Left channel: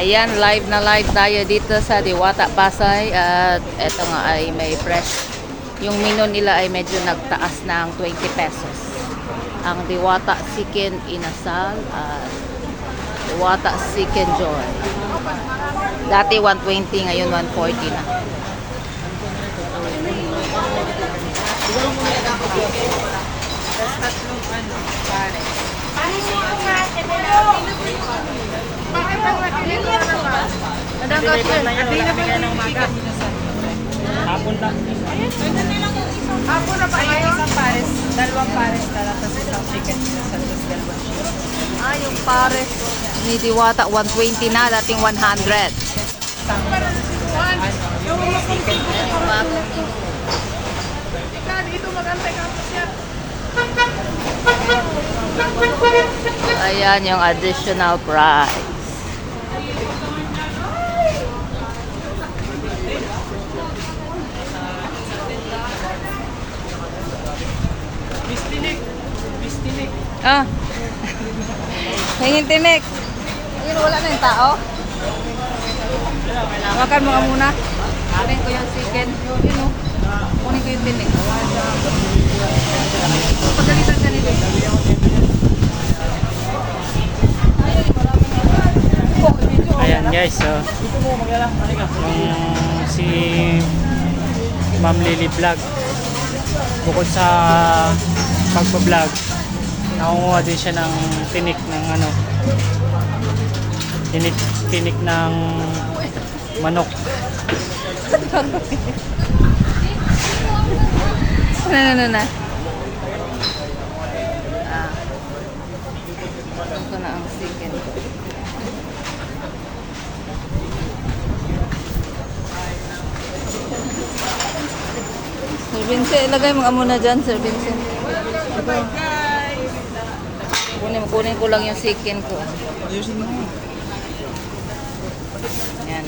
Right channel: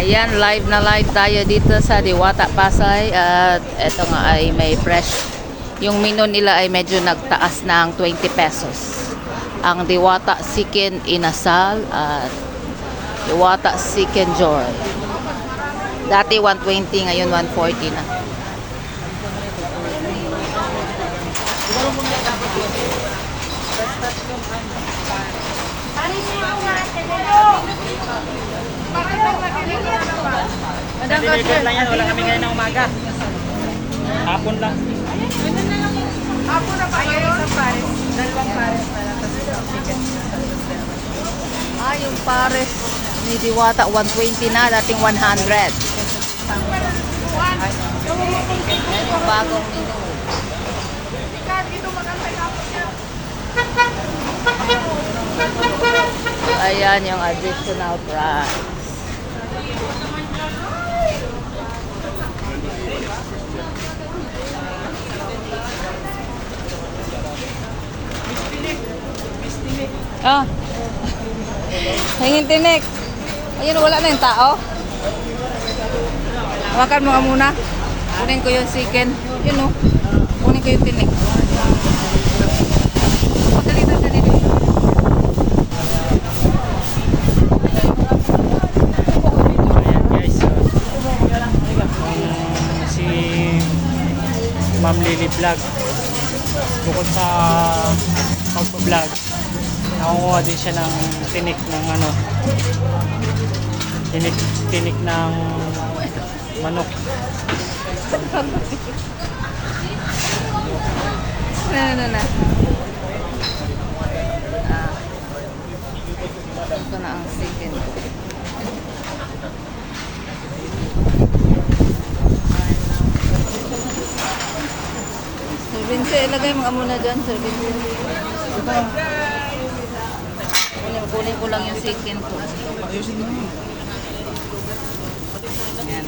Ayan, live na live tayo dito sa Diwata, Pasay. At eto nga ay may fresh. Yung menu nila ay medyo nagtaas ng 20 pesos. Ang Diwata Chicken Inasal at Diwata Chicken Joy. Dati 120, ngayon 140 na. Madam Cashier, wala kami ngayon ng umaga. Hapon lang. Hapon na pa ngayon? Isang pares, dalawang pares na lang kasi isang chicken sa yung pares ni Diwata 120 na, dating 100. Bagong menu. Dito magantay ka pa siya. Ayan yung additional price. Ah. Ayun tinik. Ayun, wala na yung tao. Hawakan mo nga muna. Kunin ko yung chicken. Yun o. Kunin ko yung tinik. Pagalitan ka nito. Ayan guys, so si Ma'am Lily Vlog, bukod sa pagpa-vlog, nakunguha din siya ng tinik ng tinik ng manok. Na. Ito na ang chicken ko. Sir Vincent, ilagay mo muna dyan, Sir Vincent. Kunin ko lang yung chicken ko. Ayusin mo. Ayan.